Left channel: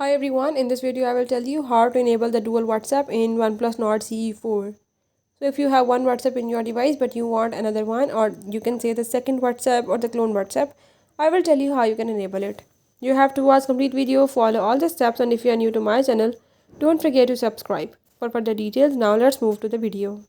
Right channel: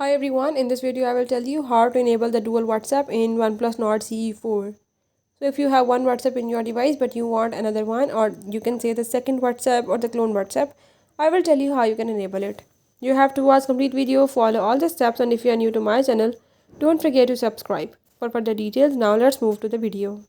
Hi everyone, in this video I will tell you how to enable the dual WhatsApp in OnePlus Nord CE4. So if you have one WhatsApp in your device but you want another one, or you can say the second WhatsApp or the clone WhatsApp, I will tell you how you can enable it. You have to watch complete video, follow all the steps, and if you are new to my channel, don't forget to subscribe. For further details, now let's move to the video.